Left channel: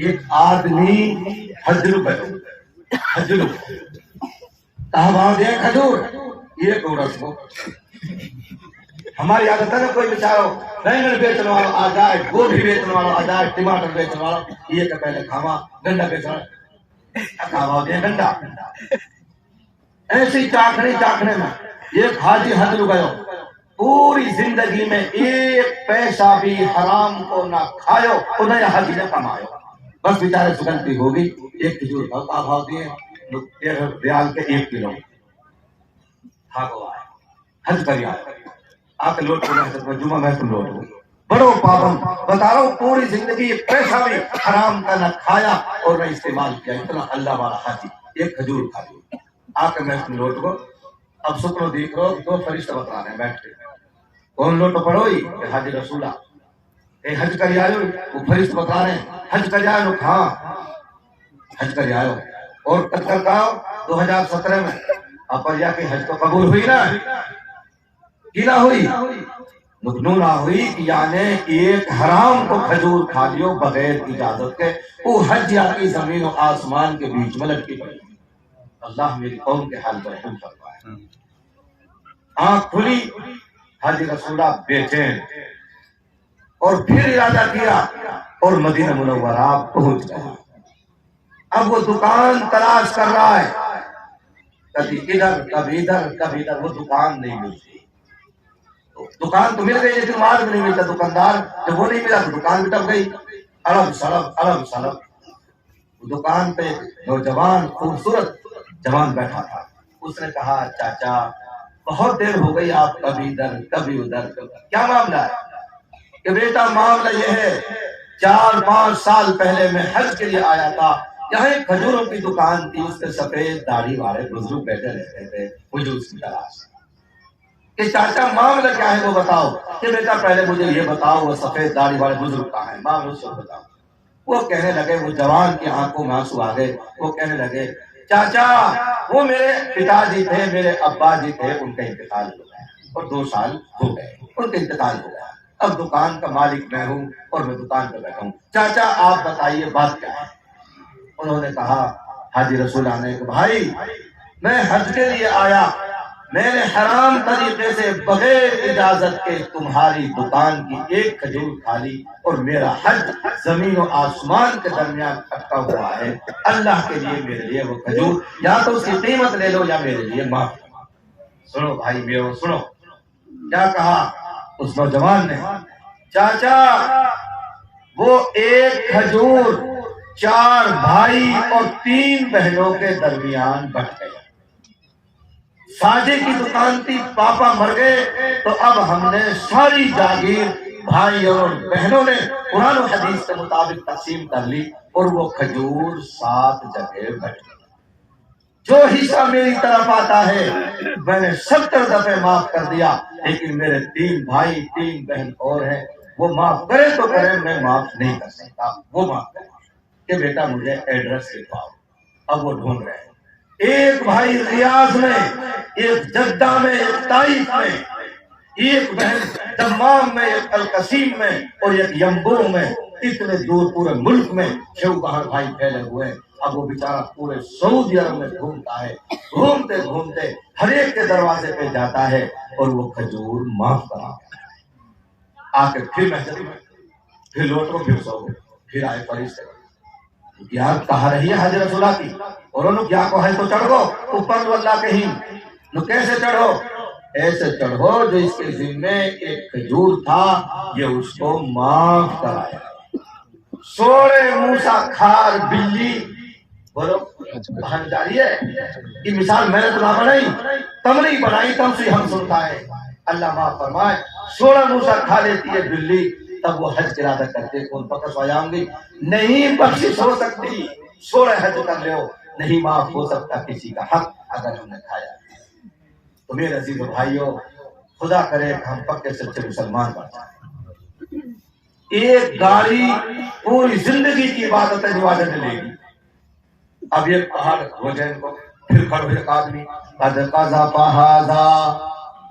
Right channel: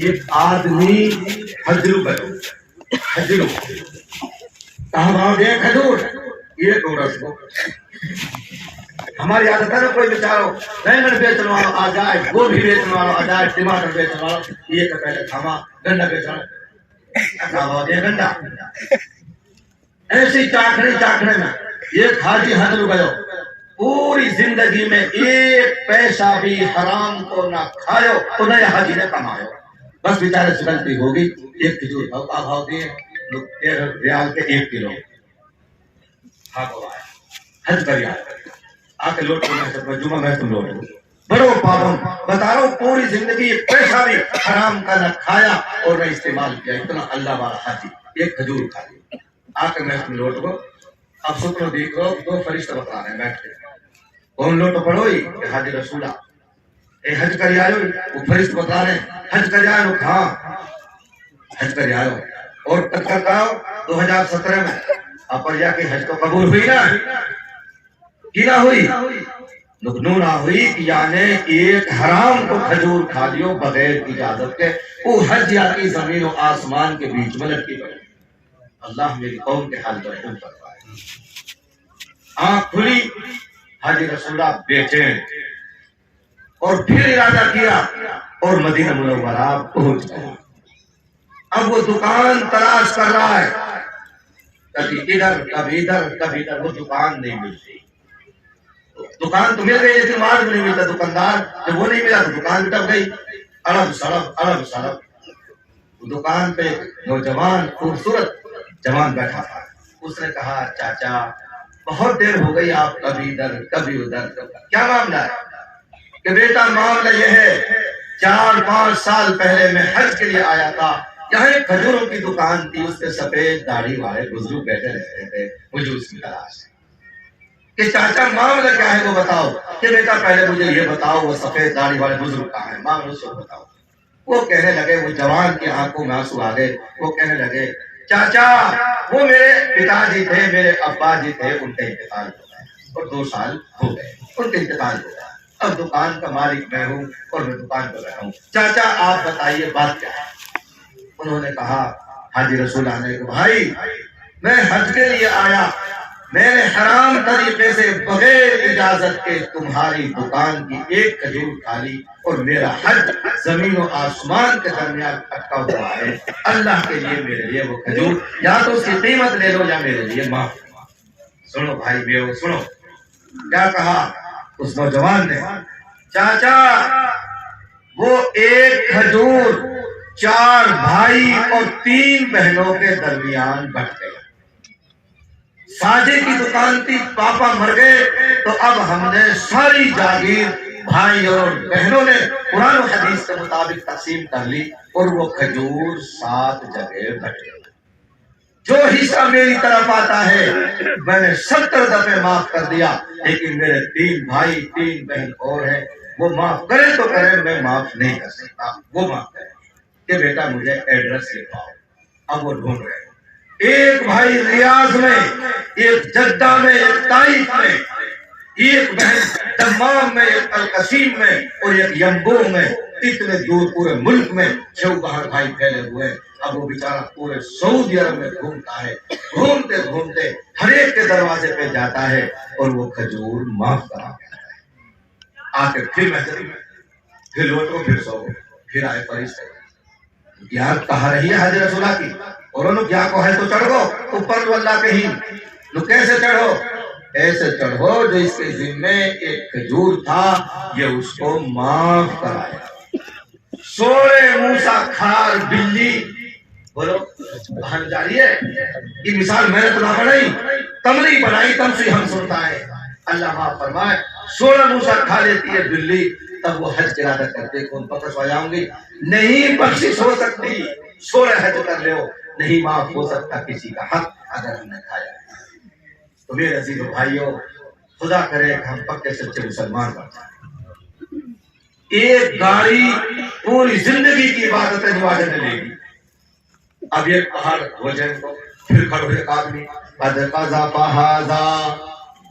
ایک آدمی حجرو کرو حجرو کہاں بھاؤ دے کھجور یہ ڈورس کو ہماری عادت ہے نا کوئی بیچارو بینگن بیچنے والا آ جائے گوبھی بیچنے والا آ جائے ٹماٹر بیچنے والا یہ تو پہلے کھاوا گنڈا بیچنا کہاں بھاؤ دے گنڈا ایسی چاکھنے میں ایک حاجی حجرو گئے پوری زندگی میں ایک پیسہ بھی حرام کو نہ کھایو تو نہ حاجی نے کمایو بس بیچارے سگنتی ہوگی ایک کھجور کا بھاؤ دیے 13 ریال کے 1 کلو حج کر آ کے لوٹ کو جمعہ میں تم لوٹ بڑو پابند بتا رہا ہوں پوری زندگی ایک پیسہ بھی حرام کا نہ کھایا اور نہ استعمال کیا اتنا اللہ والا حاجی ایک کھجور کھا لیا آ کے میں تم لوٹ کو اب سترو دیکھ رہو 2 فرشتہ بتا رہے ہیں بیٹھ کے کون لوٹ پڑو کہ حاجی رسولہ اے حج کر آئے وہ فرشتہ بتا رہے ہیں حج کر آئے لوگ ہاں حج کر آئے اور کر کہا 2017 میں اپریا کی حج تو قبول ہوئی نا کی نہ ہوئی نکنو نہ ہوئی کہ یعنی ایک حرام کو کھجور کھا لیو بغیر اجازت کے وہ حج یا کی زمین و آسمان کے بیچ میں لٹکی پڑی اللہ میری قوم کے حال پر رحم کرتا ہے آنکھ کھلی حاجی رسولہ بیٹھے اور پھر ارادہ کیا اور مدینہ منورہ پہنچ گیا اب وہ دکان تلاش کر رہا ہے کبھی ادھر کبھی ادھر کبھی ادھر وہ دکان نہیں ملتی دکان تو مل گئی لیکن مال نہیں ملتا دکاندار جب وہ نہیں ملا تو دکان ٹپ گئی الگ سڑک دکان پہ نوجوان خوبصورت جوان بیٹھا تھا اس نے کہا چاچا بہت دیر ہو گئی آپ کبھی ادھر کبھی ادھر کیا معاملہ ہے کہ بیٹا معاملہ یہ ہے 4-5 سال پہلے میں حج کے لیے آیا تھا یہاں ایک کھجوروں کی دکان تھی اس پہ سفید داڑھی والے بزرگ بیٹھے رہتے تھے مجھے اس کی تلاش ہے کہ چاچا معاملہ کیا ہے وہ بتاؤ کہ بیٹا پہلے مجھے یہ بتاؤ وہ سفید داڑھی والے بزرگ کہاں ہیں معاملہ اس کو بتاؤ وہ کہنے لگے وہ جوان کی آنکھوں میں آنسو آ گئے وہ کہنے لگے چاچا وہ میرے پتا جی تھے میرے ابا جی تھے ان کا انتقال ہو گیا اور 2 سال ہو گئے ان کا انتقال ہو گیا اب دکان کا مالک میں ہوں اور میں دکان پہ بیٹھا ہوں چاچا آپ بتائیے بات کیا ہے انہوں نے کہا حاجی رسولہ نے کہ بھائی میں حج کے لیے آیا میں نے حرام طریقے سے بغیر اجازت کے تمہاری دکان کی ایک کھجور کھا لی اور میرا حج زمین و آسمان کے درمیان اٹکا ہوا ہے اللہ کے لیے میرے لیے وہ کھجور یا تو اس کی قیمت لے لو یا میرے لیے معاف سنو بھائی میرے سنو کیا کہا اس نوجوان نے چاچا وہ ایک کھجور 4 بھائی اور 3 بہنوں کے درمیان بٹ گیا ساجے کی دکان تھی پاپا مر گئے تو اب ہم نے ساری جاگیر بھائی اور بہنوں نے قرآن و حدیث کے مطابق تقسیم کر لی اور وہ کھجور 7 جگہ بٹ گئی جو حصہ میری طرف آتا ہے میں نے 70 دفعے معاف کر دیا لیکن میرے 3 بھائی 3 بہن اور ہیں وہ معاف کرے تو کرے میں معاف نہیں کر سکتا وہ معاف کرے کہ بیٹا مجھے ایڈریس لکھواؤ اب وہ ڈھونڈ رہے ہیں ایک بھائی ریاض میں ایک جدہ میں ایک طائف میں ایک بہن دمام میں ایک القصیم میں اور ایک ینبوع میں اتنے دور پورے ملک میں شو باہر بھائی پھیلے ہوئے اب وہ بیچارہ پورے سعودی عرب میں گھومتا ہے گھومتے گھومتے ہر ایک کے دروازے پہ جاتا ہے اور وہ کھجور معاف کرا آ کے پھر محضر میں پھر لوٹو پھر سو پھر آئے فرشتے یار کہا رہی ہے حضرت رسولہ کی اور انہوں کیا کو ہے تو چڑھ گو اوپر اللہ کہیں نو کیسے چڑھو ایسے چڑھو جو اس کے ذمے ایک کھجور تھا یہ اس کو معاف کرایا سوڑے موسیٰ کھار بلی بولو بہن جاری ہے یہ مثال میں نے تو نہ بنائی تم نہیں بنائی تم سے ہم سنتا ہے اللہ معاف فرمائے سوڑا موسیٰ کھا لیتی ہے بلی تب وہ حج ارادہ کرتے کون پکڑ ہو جاؤں گی نہیں بخشش ہو سکتی سوڑے حج کر لے ہو نہیں معاف ہو سکتا کسی کا حق اگر ہم نے کھایا ہے تو میرے عزیز و بھائیوں خدا کرے کہ ہم پکے سچے مسلمان بن جائیں ایک گاڑی پوری زندگی کی عبادت ہے جو آج نے لے گی اب ایک پہاڑ ہو جائے کو پھر کھڑو ایک آدمی قد قضا پہاذا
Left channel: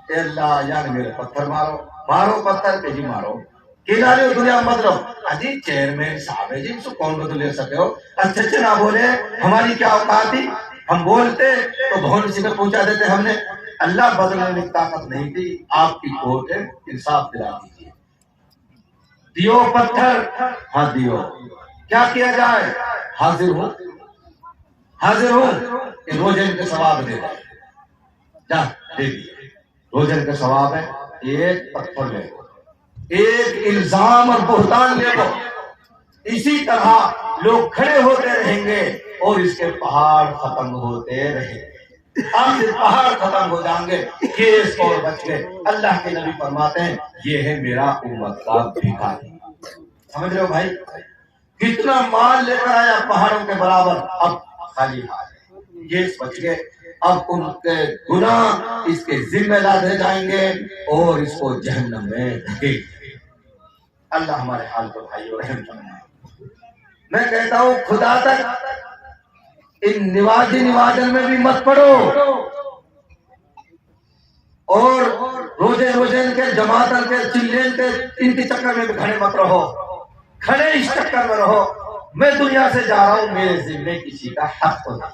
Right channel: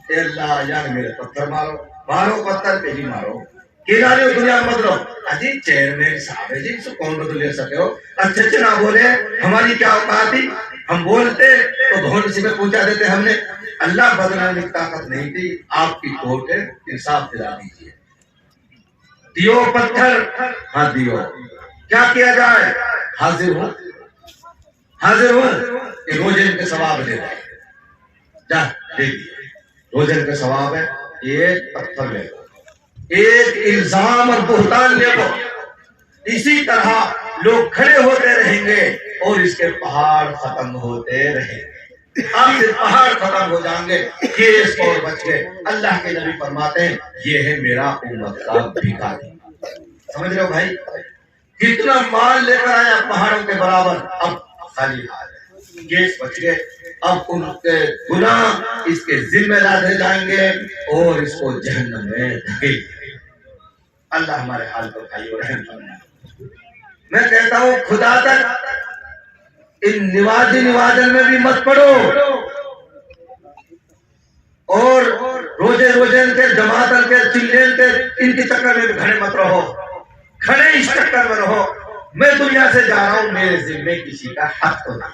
اے اللہ یعنی میرے پتھر مارو مارو پتھر پہ ہی مارو کنارے دنیا مت رہو. اجی چیئرمین صاحب ہے جی، اس کو کون بدل لے سکتے ہو؟ اچھے اچھے نہ بولے، ہماری کیا اوقات تھی؟ ہم بولتے تو بہت سی میں پوچھا دیتے. ہم نے اللہ بدلنے میں طاقت نہیں تھی. آپ کی کوٹ ہے، انصاف دلا دیجیے. دیو پتھر، ہاں دیو، کیا کیا جائے؟ حاضر ہوں، حاضر ہوں. یہ روزن کے ثواب دے دیں. جا دیکھیے، روزن کا ثواب ہے. ایک پتھر لے لو، ایک الزام اور بہتان لے لو. اسی طرح لوگ کھڑے ہوتے رہیں گے اور اس کے پہاڑ ختم ہوتے رہیں گے. آپ سے پہاڑ ختم ہو جائیں گے، کیس اور بچ گئے. اللہ کے نبی فرماتے ہیں یہ ہے میرا امت کا بھکاری. سمجھ رہے ہو بھائی؟ کتنا مال لے کر آیا پہاڑوں کے برابر، اب خالی ہاتھ ہے. کیس بچ گئے. اب ان کے گناہ اس کے ذمہ لادے جائیں گے اور اس کو جہنم میں دھکیل دیں گے. اللہ ہمارے حال پر بھائیو رحم فرمائے. میں کہتا ہوں خدا تک ان نوازن میں بھی مت پڑو، اور روزے کے جماعت کے چلین کے ان کے چکر میں بھی کھڑے مت رہو. کھڑے اس چکر میں رہو میں دنیا سے جا رہا ہوں، میرے ذمے کسی کا حق تو نہیں.